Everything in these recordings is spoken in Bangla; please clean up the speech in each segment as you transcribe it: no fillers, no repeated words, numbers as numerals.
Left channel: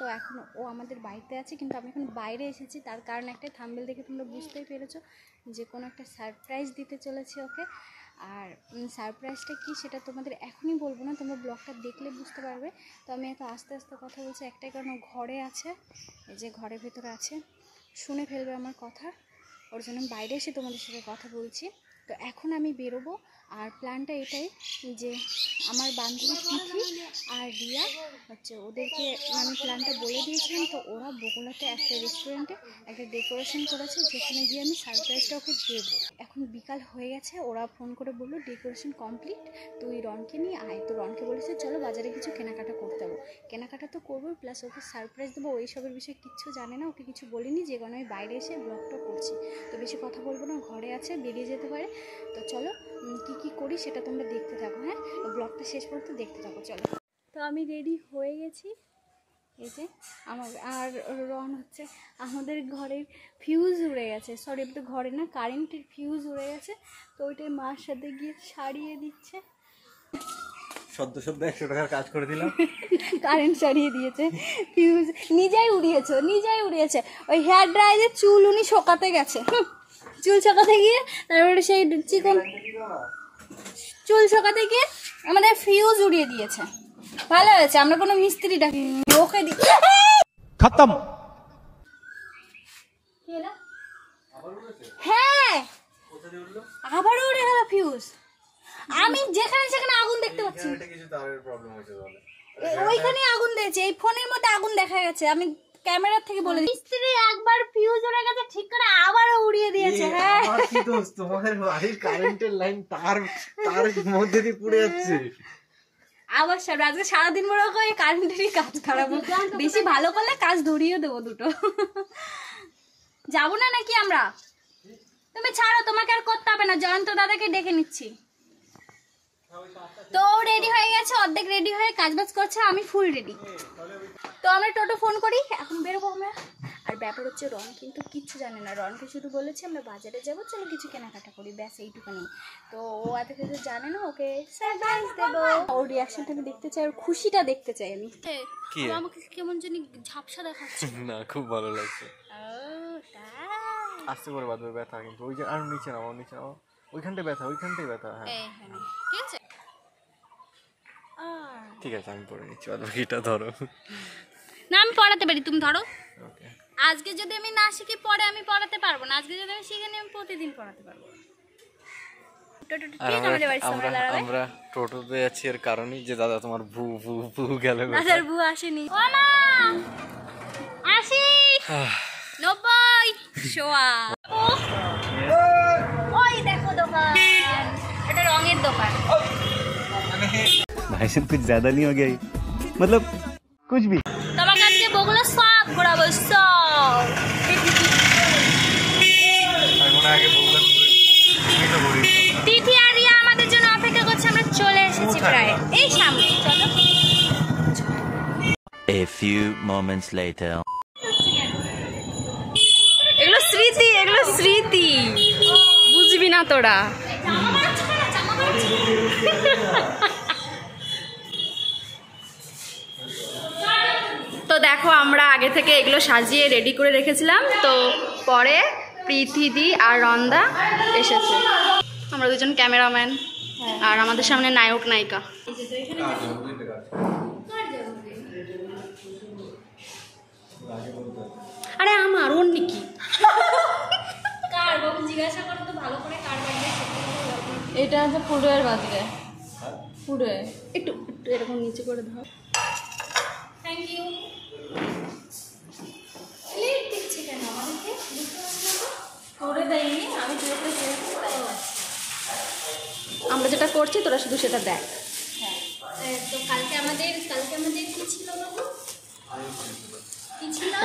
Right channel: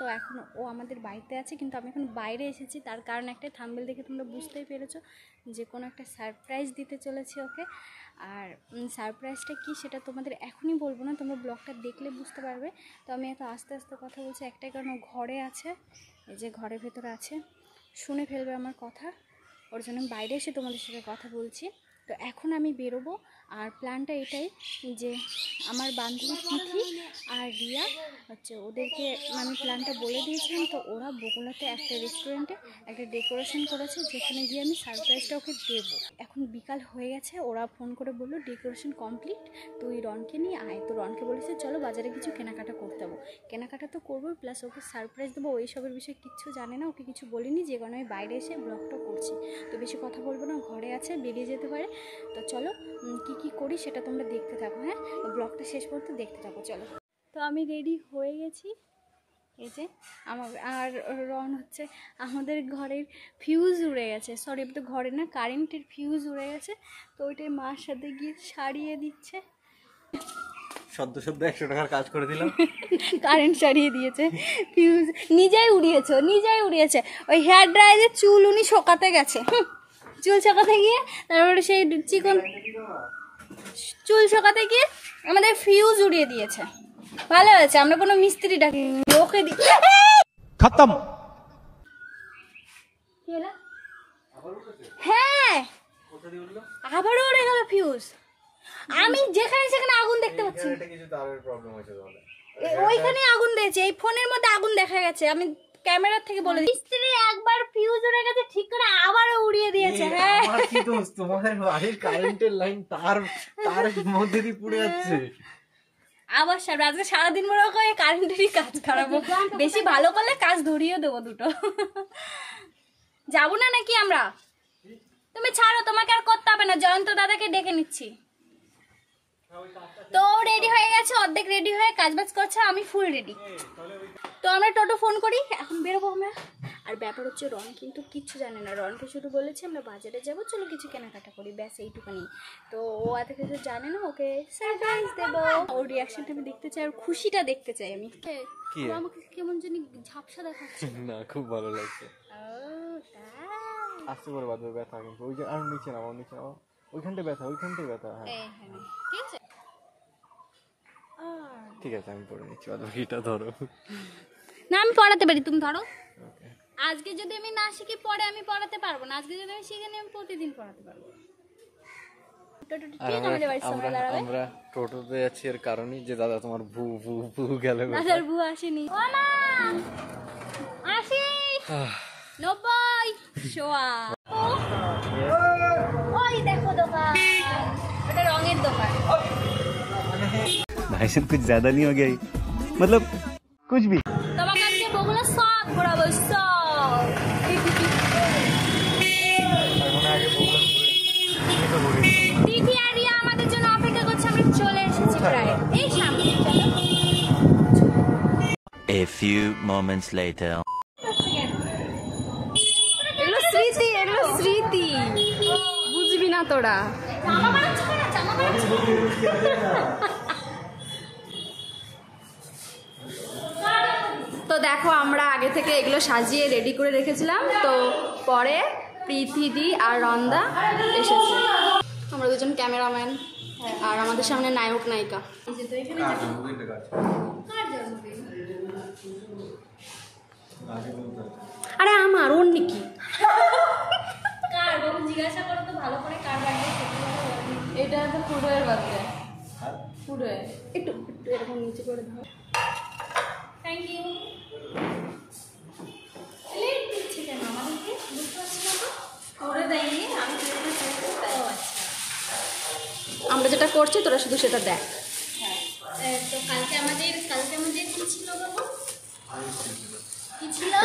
তো এখন ও আমাদের বাড়িতে আছে, কিন্তু আমি এখন বাইরে এসেছি। তার কারণ একটাই, থাম্বনেল দেখে তোমরা বুঝতেই পেরেছো যে কোনো একটা সারপ্রাইজ দিতে চলেছি ওকে। আর সারপ্রাইজটা কি সেটা তোমাদের এখনই বলবো না, তোমরা ব্লগটা দেখলে বুঝতে পারবে। তো আমি এত আস্তে আস্তে কথা বলছি একটাই কারণ, ও ঘরে আছে, এই যে ঘরের ভেতরে আছে, শুনে ফেলবে আমার কথা, ওর জন্য আমি বাইরে এসে তোমাদের সাথে কথা বলছি। তো এখন আমি বেরোবো, আর প্ল্যানটা এটাই যে আমার বান্ধবী তিথি আর রিয়া হচ্ছে, ওদেরকে আমি প্ল্যানটা বলে দিয়েছিলাম। তো ওরা বগুড়াতে একটা রেস্টুরেন্টে একটা ডেকোরেশন করেছে, যেখানে গিয়ে আমি সারপ্রাইজটা ওকে দেবো। এখন বিকাল হয়ে গেছে, ওরা ফোন করে বললো ডেকোরেশন কমপ্লিট, তুই রনকে নিয়ে আয়। তো রনকে বলেছে চলো বাজারে কিছু কেনাকাটা করতে যাবো। কেনাকাটা তো করবো, প্লাস ওকে সারপ্রাইজ দেবো। ওইসবের বিষয়ে কিচ্ছু জানে না, ওকে কিছু বলিনি, যে কারণে আমি বাইরে এসে ব্লগটা করছি। তো বেশি কথা বলবো না, ঘরে আছে, বেরিয়ে যেতে পারে। তো চলো কি করি সেটা তোমরা দেখতে থাকো, হ্যাঁ, ব্লগটা শেষ পর্যন্ত দেখতে থাকো, চলো। তো আমি রেডি হয়ে গেছি, এই যে আমার আর রন হচ্ছে, আমাদের ঘরের ফিউজ উড়ে গেছে, সরি তো ঘরে না, কারেন্টের ফিউজ উড়ে গেছে। তো ওইটাই মার সাথে গিয়ে সারিয়ে দিচ্ছে। সদ্য 100 টাকার কাজ করে দিলাম, কারেন্ট সারিয়ে দিয়েছে, ফিউজ নিজেই উড়িয়েছে। ওই হেয়ার ড্রায়ারের চুল উনি শোকাতে গেছে, চুল শোকাতে গিয়ে, তারপরে সেই চিকন চুল শোকাতে গিয়ে আমাদের ফিউজ উড়িয়ে দিয়েছে। ভালো হয়েছে আমরা কোনো মিস্ত্রি ডাকি, ওকে খতম। হ্যাঁ আবারও উড়ে গেল ফিউজ। আমি যেখানে সেখানে আগুন দেখতে পাচ্ছি, ওইখানে আগুন দিয়েছে, এই ফোনের মধ্যে আগুন দেখা গেছে। আমি ক্যামেরা থেকে বলে মিস্ত্রি একবার ফিউজ উড়ে গেছে ঠিক করে আবারও উড়িয়ে দিয়েছে। হ্যাঁ কি দোষ, তোমাদের বাড়ির কারেন্টের লাইন তার মধ্যে দিয়ে পুড়ে যাচ্ছে। আবার আজকে সারাদিন বড় করে কারেন্টেরই কাজ খারাপ, বেশি ভালো করলে কাজ ধরিয়ে দেবো দুটো। যাবো না নাকি আমরা? তুমি ছাড়ো, তোমাকে আর করতে হবে না, জয়ন্ত দাদাকে ডেকে নিচ্ছি। তো রেডি হয়ে গেছে, অর্ধেক রেডি হয়ে কাজবাজ করছে, আমি ফুল রেডি। তো আমরা টোটো ফোন করি, এখন বেরোবো আমরা। আর ব্যাপার হচ্ছে রন কিন্তু কিচ্ছু জানে না, রনকে শুধু বলেছে আমরা বাজারে যাবো, চলো কিছু কেনাকাটা করি, ব্যাস এইটুখানি। তো ও এত কিছু জানে না, ওকে সারপ্রাইজ দেবো। ওর রিয়াকশনটা আমি দেখতে চাই, ওর খুশিটা দেখতে চাই আমি। আমাকে কেমন জানি ঝাপসা দেখাচ্ছে না, খুব ভালো লাগছে। আস্তে করে বাঁধবে, ব্যথা কিন্তু ওই যে, আর নিচে নাও, ওইখানটায় ব্যথা, ওইখানটাই ব্যথা। হ্যাঁ ঠিক আছে, ঠিক আছে, আমি পরে নিচ্ছি, বাকিটা ধরো। না আমি পড়াতে পারি, তুমি ধরো। আজকে যদি আমি না শিখি পরে আমি পড়াতে পারবো না, আজকে যদি আমি শিখে নিই আমি প্রতিদিন পড়াতে পারবো। আমরা টোটোতে যাচ্ছি এর কারণে যে দাদা তোমার ভু ভু ভু গেল, দাদার ভু আসেনি। ও মা আসি 90 শোয়া। ওই দেখো দোকান, এটা রঙের দোকান। भाई साहब कुछ ज्यादा नहीं हो गया, मतलब कुछ भी। তোমাকে আজকে বগুলা সব ঘোরাবো, সব। তিথি আর রিয়া আমাদের জন্য অপেক্ষা করছে, আমরা চলে এসেছি প্রায় এই সামনে, চলো। A few moments later. এগুলো স্মৃতি, বুঝবি না তোরা। তো দেখো আমরা আগে থেকে এগুলো সাজিয়ে রেডি করে রেখেছিলাম, তো পরে প্রীতিদি আর রন্দা এসেছে, আমরা দুজন ক্যামেরাম্যান, আর আমাদের সামনে নায়ক নায়িকা। আরে আমার ওর নাকি জিজ্ঞাসা করো তো ভালো করে, কার বার্থডে? এটা হচ্ছে পুরোয়ের বার্থডে, পুরোয়ে। একটু এরকম নিচে করে দাও, থ্যাংক ইউ। লেট দিচ্ছে কেন আমাদেরকে, বুঝতে পারছি না তো। করে দেয়নি, আমি আমরা যেটা করছি তোরা শুধু সেটা দেখ। হ্যাঁ, তো কালকে আমাদের কি ছিল বাবু?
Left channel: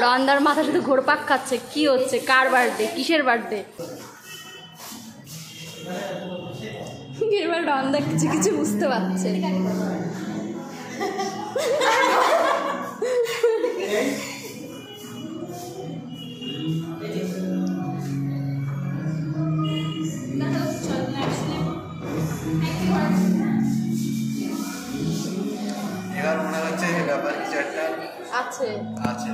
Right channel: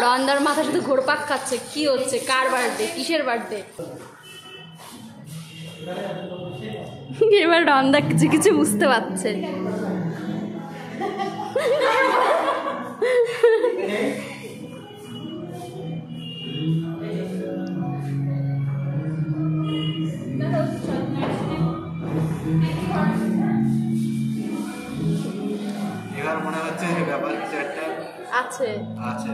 রন্দার মাথা শুধু ঘোরপাক খাচ্ছে, কি হচ্ছে, কার বার্থডে, কিসের বার্থডে। এবার রন্দা কিছু বুঝতে পারছে। আমার মনে হচ্ছে ব্যাপার কিছু একটা আছে আছে।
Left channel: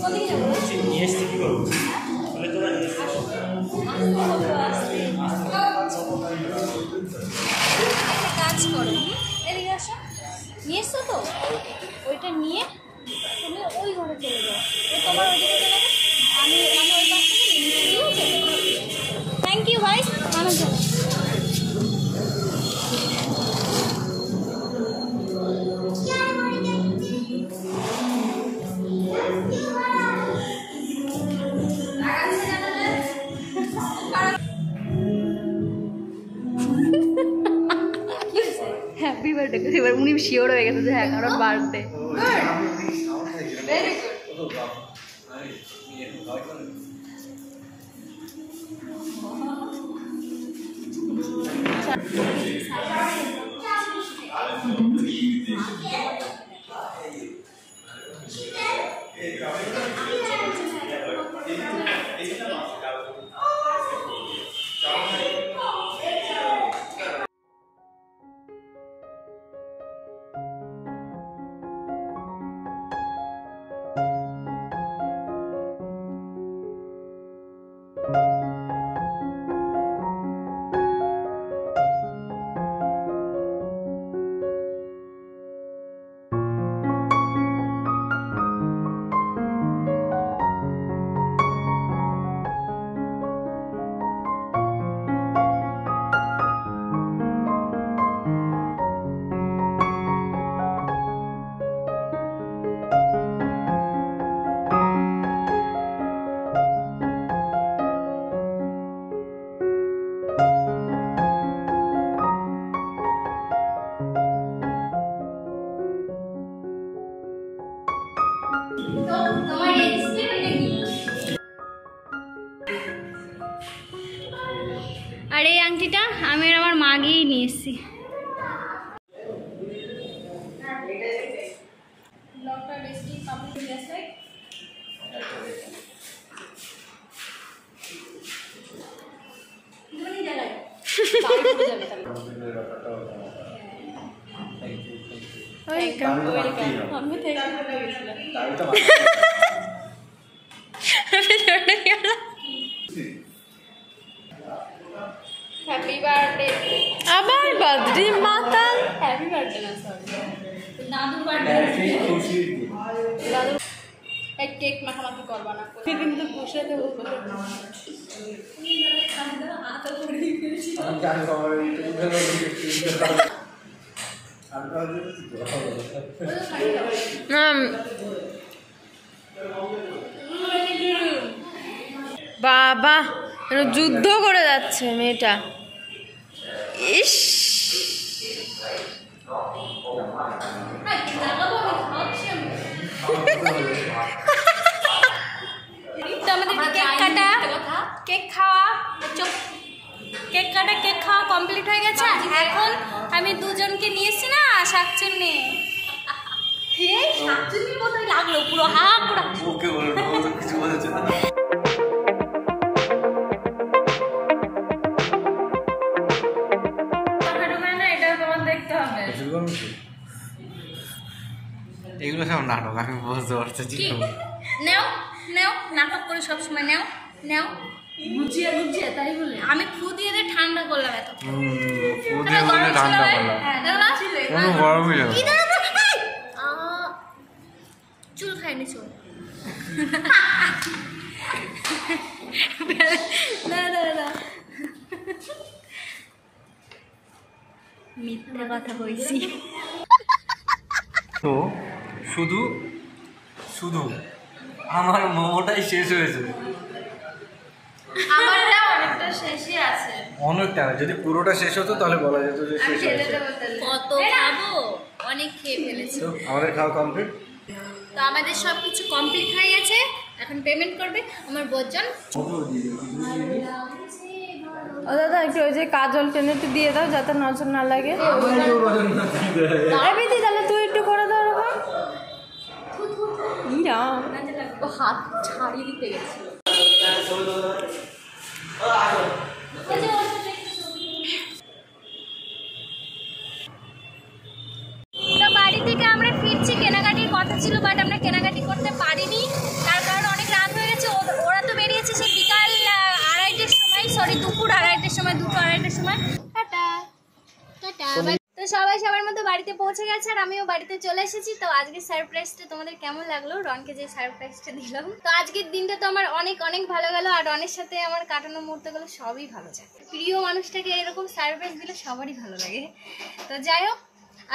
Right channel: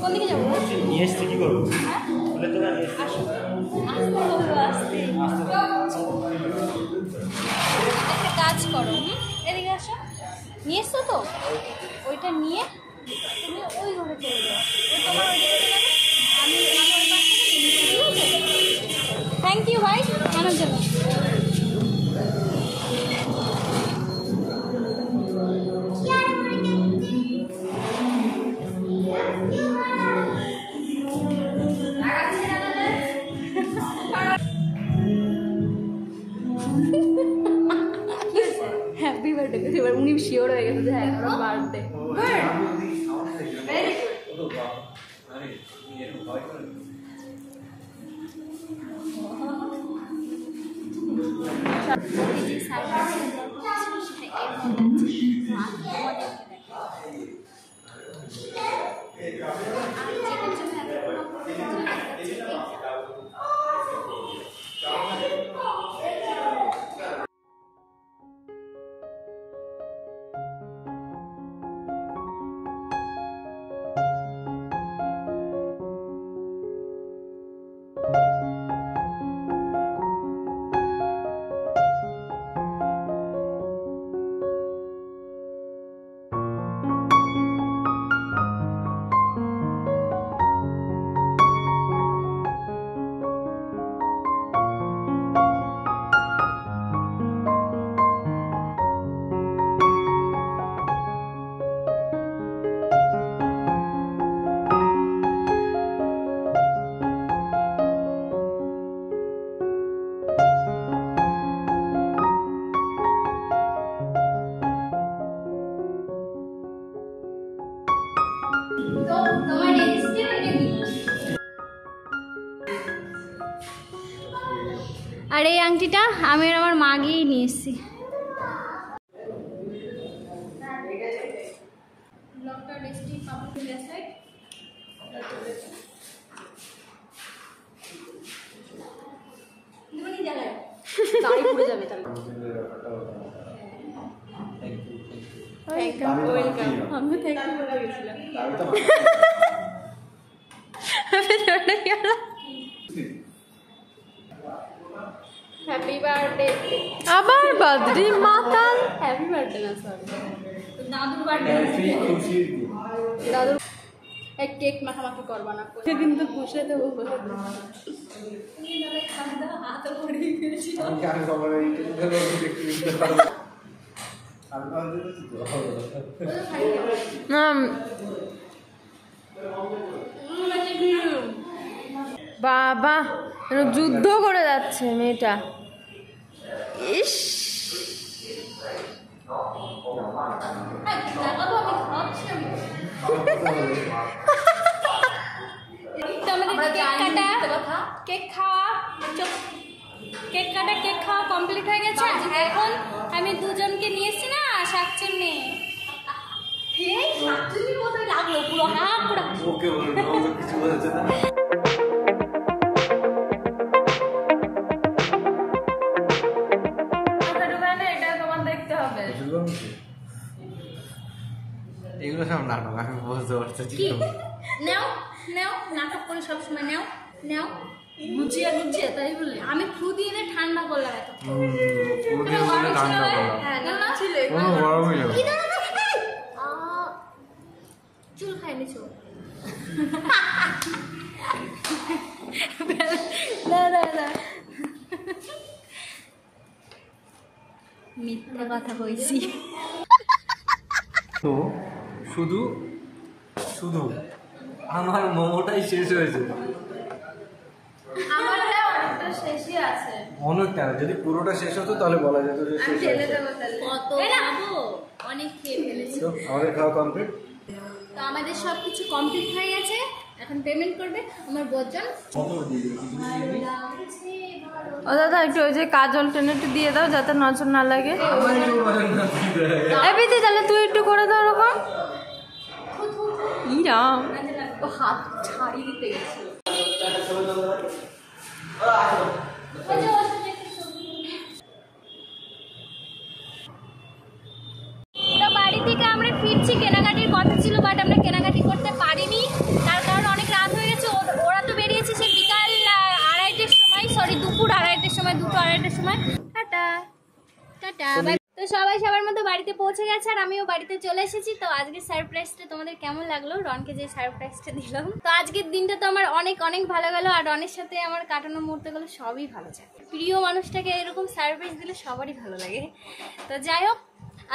কোনদিকে যাবো? নিয়ে এসছি কি করবো? একটা কাজ করো, এদিকে আসো, নিয়ে এসছো তো, ওইটা নিয়ে তুমি ওই ঘরে চলে যাও, ওই তোমার ওইদিকে চলে যাবে, আমি ওই পাশ থেকে নিয়ে নিচ্ছি, ঠিক আছে? থ্যাংক ইউ ভাই আমার জন্য। হ্যাপি বার্থডে, এবার উনি শিওর হয়ে গেছে যে হ্যাঁ কারো বার্থডে। আর এই আংটিটা আমি আর আমার মা গিয়েই নিয়ে এসেছি। Happy birthday. আবার বার্থডে মাতাল। হ্যাপি বার্থডে না, সরি দাদুর বার্থডে। দাদু এক কেক মাখামাখি করবা না, কিন্তু পুষে দেবো বলে আতা করে দিয়েছি। বাবা যুদ্ধ করে যাচ্ছে মেয়েটা। ইস তো আমাদের কেক কাটা, কেক খাওয়া, কেক কাটা কেক খাওয়া কমপ্লিট হয়ে গেছে। এখন আমি দুজনকে নিয়ে এসেছি না শাকচুন্নি, শাকচুন্নি মতোই লাগলো পুরো হা পুরো। ওকে বলো না, ও তো কিছু বলছে না। এগুলো সব নাটক, আমি বুঝতে পারছি। নেও নেও, নাটক করে সবসময় নেও নেও, বুঝিয়ে বুঝিয়ে তাই বলে আমি ফু দিয়ে দিয়ে ঠান্ডা করলাম। এত ঠান্ডা করলাম, কোনো গরমই না। চুল খাইনি, চুল মিথ্যা কথা কইছি। তো শুধু শুধু আমার মোমোটাই শেষ হয়েছে। আমারটা অনেকটা শেষই আছে, অনেকটা, যদি পুরোটা শেষ হতো তাহলে বলা যেত যে শেষ হয়েছে। কত খাবো, অনেক খেয়ে ফেলেছি। তো আমাদের খাওয়া কমপ্লিট। তো আমাদের সব কিছু কমপ্লিট হয়ে গেছে, এখন পেমেন্ট করবে আমার বজ্জন। ও দাদা একটু ওই যে কাজল টেনে একটু দিয়ে দাও যাতে নজর না লাগে। তাহলে তুই একটু করে দাও ওরকম। হাত ছাড়িয়ে দিতে গেছিল। তো বাড়ি থেকে আমরা ফিরছি, কেনাকাটির কথা ছিল বাট আমরা কেনাকাটি করতে পারিনি, তার কারণ অনেক রাত হয়ে গেছে। ওরা তো বেরিয়েছে সে বিকাল 2:30টার সময়, সরি দুপুর 2:30টার সময়, 2-2:30টার সময়। Tata tata. তো সবাই সবার মতো বাড়িতে পৌঁছে গেছে আর আমিও বাড়িতে চলে এসেছি। তো আজকের সারপ্রাইজটা তোমাদের কেমন লাগলো, রনকে যে সারপ্রাইজটা দিলাম? তো আজকের দিনটা তো আমার অনেক অনেক ভালো গেল, আর রনের সাথে আমার কাটানো মুহূর্তগুলো সবই ভালো যায়। প্রিয় মানুষটাকে এরকম সারপ্রাইজ দিলে সবারই ভালো লাগে। তো যাই হোক,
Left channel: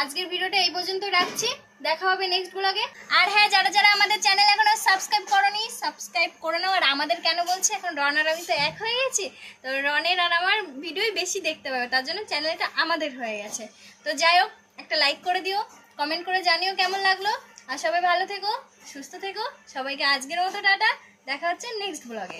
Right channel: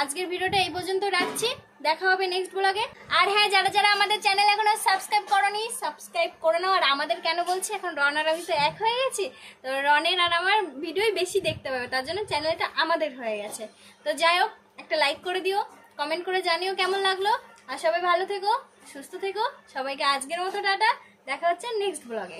আজকের ভিডিওটা এই পর্যন্ত রাখছি, দেখা হবে নেক্সট ব্লগে। আর হ্যাঁ, যারা যারা আমাদের চ্যানেল এখনো সাবস্ক্রাইব করোনি, সাবস্ক্রাইব করে নাও। আর আমাদের কেন বলছি, এখন রন আর আমি তো এক হয়ে গেছি, তো রনের আর আমার ভিডিওই বেশি দেখতে পাবে, তার জন্য চ্যানেলটা আমাদের হয়ে গেছে। তো যাই হোক, একটা লাইক করে দিও, কমেন্ট করে জানিও কেমন লাগলো। আর সবাই ভালো থেকো, সুস্থ থেকো। সবাইকে আজকের মতো টাটা, দেখা হচ্ছে নেক্সট ব্লগে।